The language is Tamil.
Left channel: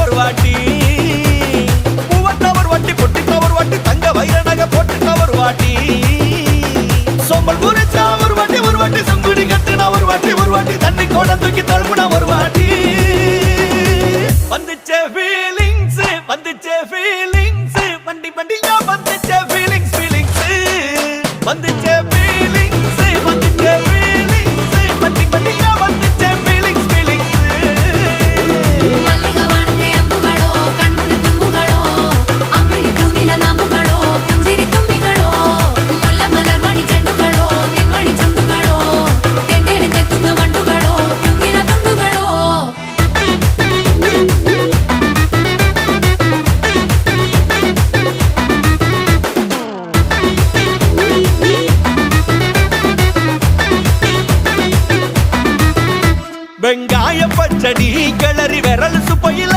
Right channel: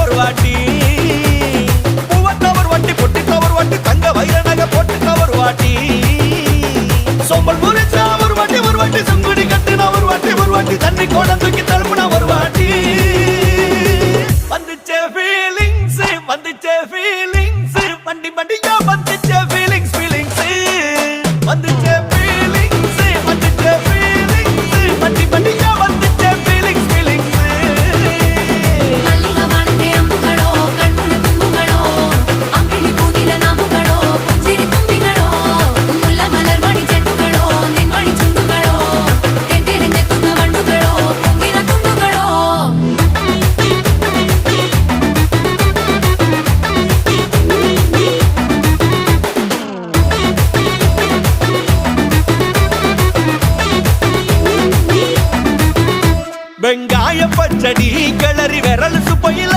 ஒரு வாட்டி பூவத்த ஒரு வாட்டி பொட்டித்த ஒரு வாட்டி தங்க வைர நகை போட்டுத்த ஒரு வாட்டி சோம்பல் முறைச்சா ஒரு வாட்டி சங்குடி கட்டின ஒரு வாட்டி தண்ணி கோட தூக்கி தழுப்புன ஒரு வாட்டி வந்துச்சே ஃபீலிங்ஸ் வண்டி வண்டியா வந்துச்சே ஃபீலிங்ஸ் வந்துச்சே ஃபீலிங்ஸ் வண்டி வண்டியா வந்துச்சே ஃபீலிங்ஸ் வெங்காய பச்சடி கிளறி விரல் சுப்பையில